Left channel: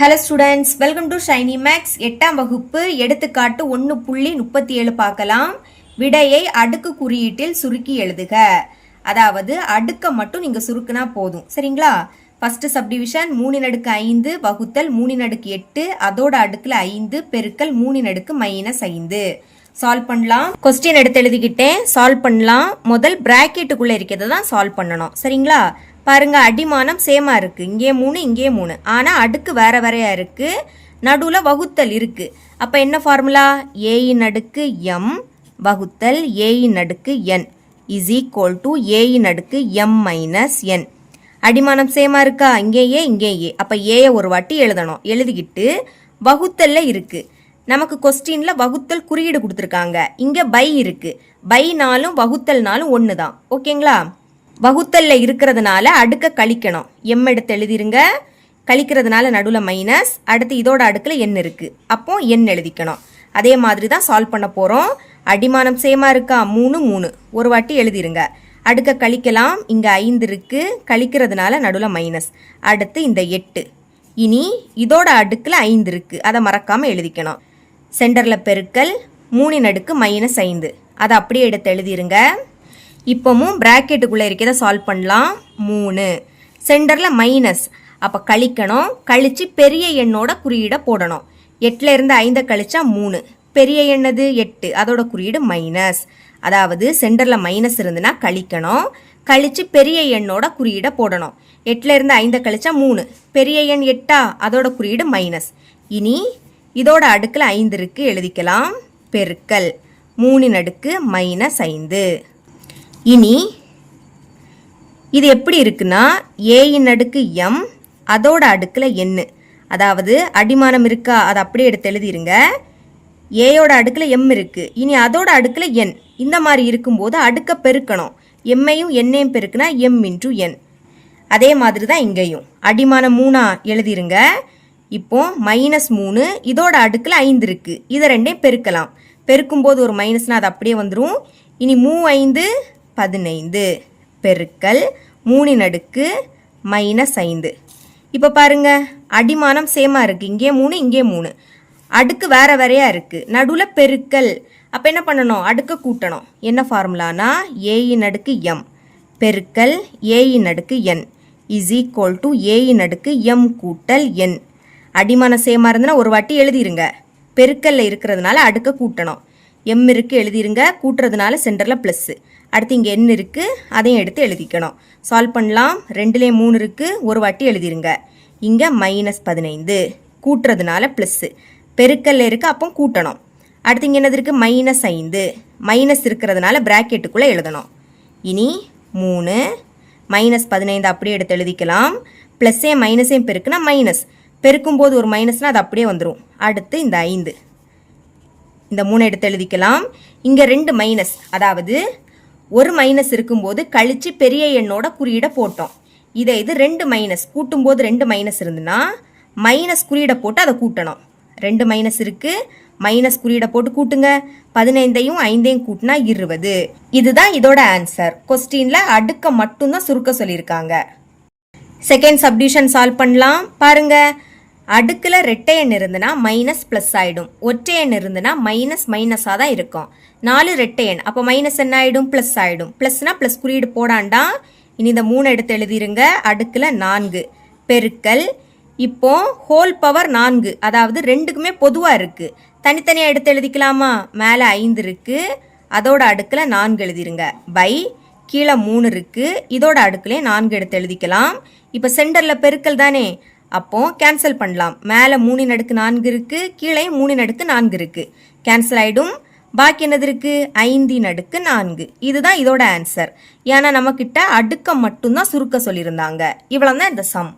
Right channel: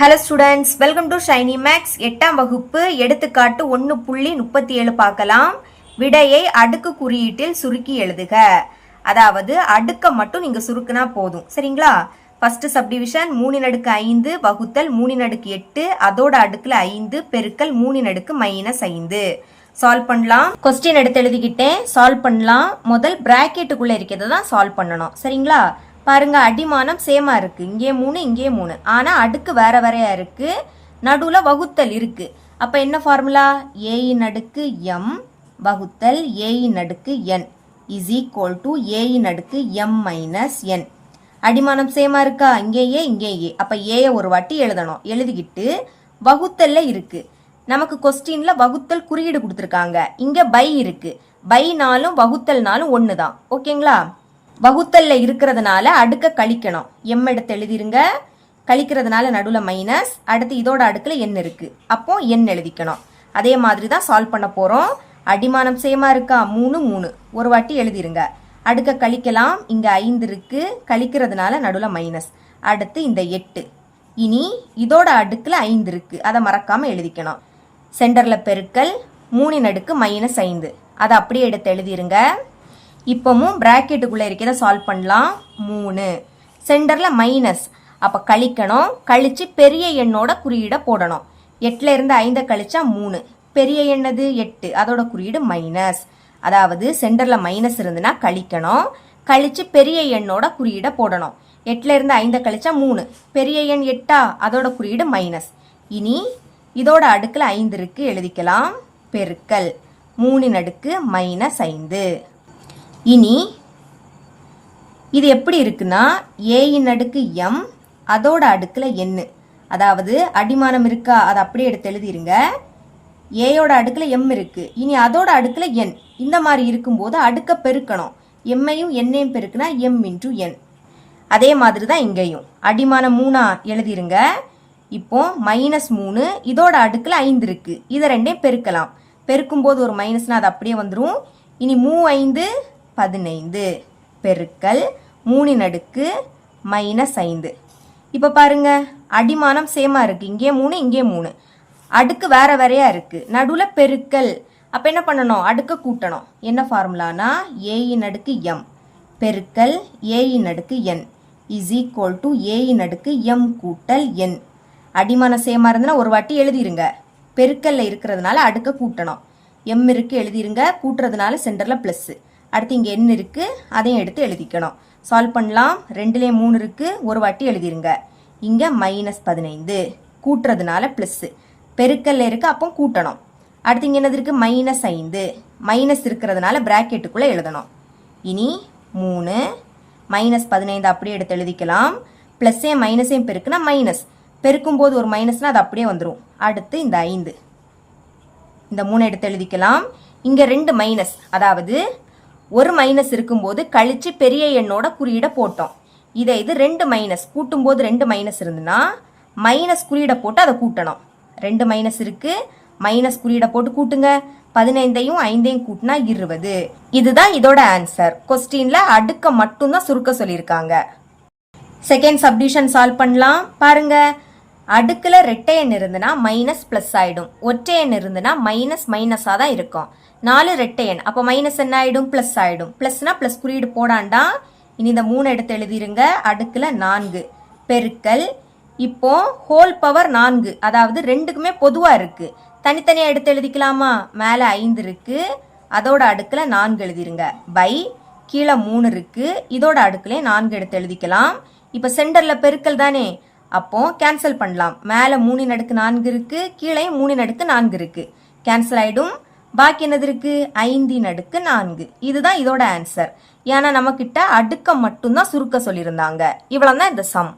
Hello students, welcome to Shiny Maths. 8ஆம் வகுப்பு எடுத்துக்காட்டு 1.37 பார்க்கலாம். விடையை அடுக்கு குறியீட்டில் சுருக்கி எழுதுக. அதாவது அடுக்க மட்டும் நீங்க சுருக்குனா போதும், சரிங்களா? ஃபர்ஸ்ட் சப்டிவிஷன் 3/5 வகுத்தல் 3/8 அதோட அடுக்குல 5 பெருக்கல் 3/-5. சால்வ் பண்ணலாம். கொஸ்டின் எடுத்து எழுதிக்கிட்டேன், சால்வ் பண்ணலாம். முதல் பிராக்கெட்டுக்குள்ள இருக்கிறத தான் சால்வ் பண்ணணும், சரிங்களா? பாருங்க, அடிமானம் சேமா இருக்கு, இங்கே 3 இங்கே 3, ஆனா அடுக்கு வேற வேறையா இருக்கு, நடுவுல வகுத்தல் இருக்கு. அப்ப என்ன ஃபார்முலா? a அடுக்கு m வகுத்தல் a அடுக்கு n is equal to a அடுக்கு m மைனஸ் n. அடிமானம் சேமா இருக்கா? இங்கேயே இங்கேயே. அப்ப a ஒரு வாட்டி எழுதணும். எழுதிக்கிட்டு வகுத்தல்ல இருக்கு, நமக்கு கொஸ்டின்ல வகுத்தல் குறியீடு கொடுத்துருக்காங்க. இங்க பை இருக்கு, பைனாலும் வகுத்தல்னாலும் ஒண்ணுதான், ஓகேங்களா? வகுத்தல்ல இருக்கிறதுனால அடுக்க கழிக்கணும். எம் எடுத்து எழுதிருங்க, கழிக்கிறதுனால நடுவில் மைனஸ், அடுத்து இதோட அடுக்குல என் இருக்கு, அப்போ என் எழுதிக்கணும். அதே மாதிரி தான் சால்வ் பண்ண போறோம். அடிமானம் சேமா இருக்கா? 3 3 ஒரு வாட்டி எழுதிருங்க. அடுக்க கழிக்கலாம், இங்க 5 இருக்கு, கழிக்கிறதுனால நடுவில் மைனஸ், அடுத்து இந்த 8. இனி இதோட அடுக்குல 5 இருக்கு, அதை மறக்காம எழுதிக்கணும். சென்டர்ல பெருக்கல் 3/-5, அதை அப்படியே எடுத்து எழுதிருங்க. இப்பவும் பிராக்கெட்டுக்குள்ள இருக்கிறத சால்வ் பண்ணலாம். 3 சென்டர்ல மைனஸ், அப்ப கழிக்கணும். கழிச்சு பெரிய எண்ணோட குறியீட போடணும். 8ல இருந்து 5 கழிச்சா 3, பெரிய எண்ணது 8, அதோட குறியீடு மைனஸ். அதாவது சென்டர்ல மைனஸ் இருந்துன்னா கழிக்கணும், கழிச்சு பெரிய எண்ணோட குறியீட போடணும். 8ல இருந்து 5 கழிச்சா 3, பெரிய எண் 8, அதோட குறியீடு மைனஸ். இனி இதோட அடுக்குல 5 இருக்கு, எழுதிக்கலாம். பெருக்கல் 3/-5. இனி இது எப்படி இருக்குன்னா a அடுக்கு m அதோட அடுக்குல n, அதாவது அடிமானம் இருக்கா, அதை அப்படியே எடுத்து எழுதிருங்க. ஏயோட அடுக்குல m இருக்கு, இனி அதோட அடுக்குல n. இந்த மாதிரி இருக்கும்போது அடுக்க பெருக்கணும். எம்மையும் என்னையும் பெருக்குனா m இன்டூ n. அதே மாதிரி தான் இங்கேயும் அடிமானம் 3 எழுதிருங்க. இப்போ -3, இதோட அடுக்குல 5 இருக்கு, இதை ரெண்டையும் பெருக்கலாம். பெருக்கும்போது ஒரு மைனஸ்னா அது அப்படியே வந்துடும். இனி 3 5 15 பெருக்கல் 3/-5. இப்போ பாருங்க, அடிமானம் சேமா இருக்கு, இங்கே 3 இங்கே 3, அடுக்கு வேற வேறையா இருக்கு, நடுவுல பெருக்கல். அப்ப என்ன பண்ணணும்? அடுக்க கூட்டணும். என்ன ஃபார்முலானா a அடுக்கு m பெருக்கல் a அடுக்கு n is equal to a அடுக்கு m கூட்டல் n. அடிமானம் சேமா இருந்ததுன்னா ஒரு வாட்டி எழுதிருங்க. பெருக்கல்ல இருக்கிறதுனால அடுக்க கூட்டணும். m இருக்கு, எழுதிருங்க. கூட்டுறதுனால சென்டர்ல பிளஸ், அடுத்து இங்க n இருக்கு, அதையும் எடுத்து எழுதிக்கணும். சால்வ் பண்ணலாம். 2லே 3 இருக்கு, ஒரு வாட்டி எழுதிருங்க. இங்க -15, கூட்டுறதுனால பிளஸ், பெருக்கல்ல இருக்கு, அப்போ கூட்டணும். அடுத்து இங்க என்னது இருக்கு? -5, மைனஸ் இருக்கிறதுனால பிராக்கெட்டுக்குள்ள எழுதணும். இனி 3 -15 அப்படியே எடுத்து எழுதிக்கலாம். பிளஸ்ஸையும் மைனஸையும் பெருக்குனா மைனஸ், பெருக்கும்போது ஒரு மைனஸ்னா அது அப்படியே வந்துடும். அடுத்து இந்த 5, இந்த 3 எடுத்து எழுதிக்கலாம். இங்க 2 மைனஸ், அதாவது ஒரு மைனஸ் இருக்கும்போது கழிச்சு பெரிய எண்ணோட குறியீட போட்டோம். இதை இது 2 மைனஸ், கூட்டும்போது 2 மைனஸ் இருந்துன்னா மைனஸ் குறியீட போட்டு அதை கூட்டணும். 2 மைனஸ் இருக்கு, மைனஸ் குறியீட போட்டு கூட்டுங்க. 15ஐயும் 5ஐயும் கூட்டினா 20. இதுதான் இதோட ஆன்சர். கொஸ்டின்ல அடுக்க மட்டும்தான் சுருக்க சொல்லியிருக்காங்க. செகண்ட் சப்டிவிஷன் சால்வ் பண்ணலாம். பாருங்க, அடுக்குல ரெட்டை எண் இருந்துன்னா மைனஸ் பிளஸ் ஆயிடும், ஒற்றை எண் இருந்துன்னா மைனஸ் மைனஸா தான் இருக்கும். 4 ரெட்டை எண், அப்போ மைனஸ் என்ன ஆயிடும்? பிளஸ் ஆயிடும். பிளஸ்னா பிளஸ் குறியீடு போடாண்டா. இனி இந்த 3 எடுத்து எழுதிருங்க. அடுக்குல 4 பெருக்கல், இப்போ ஹோல் பவர் 4, அதாவது ரெண்டுக்குமே பொதுவா இருக்கு, தனித்தனியா எடுத்து எழுதிக்கலாமா? மேல 5 இருக்கு, அதோட அடுக்குல 4 எழுதிருங்க. பை கீழே 3 இருக்கு, இதோட அடுக்குலயே 4 எடுத்து எழுதிக்கலாம். இப்போ சென்டர்ல பெருக்கல் தானே, அப்போ கேன்சல் பண்ணலாம். மேல 3/4 இருக்கு, கீழே 3/4 இருக்கு, கேன்சல் ஆயிடும். பாக்கி என்னது இருக்கு? 5/4. இதுதான் இதோட ஆன்சர். ஏன்னா நம்ம கிட்ட அடுக்க மட்டும்தான் சுருக்க சொல்லியிருந்தாங்க. இவ்வளவுதான் இந்த சம்.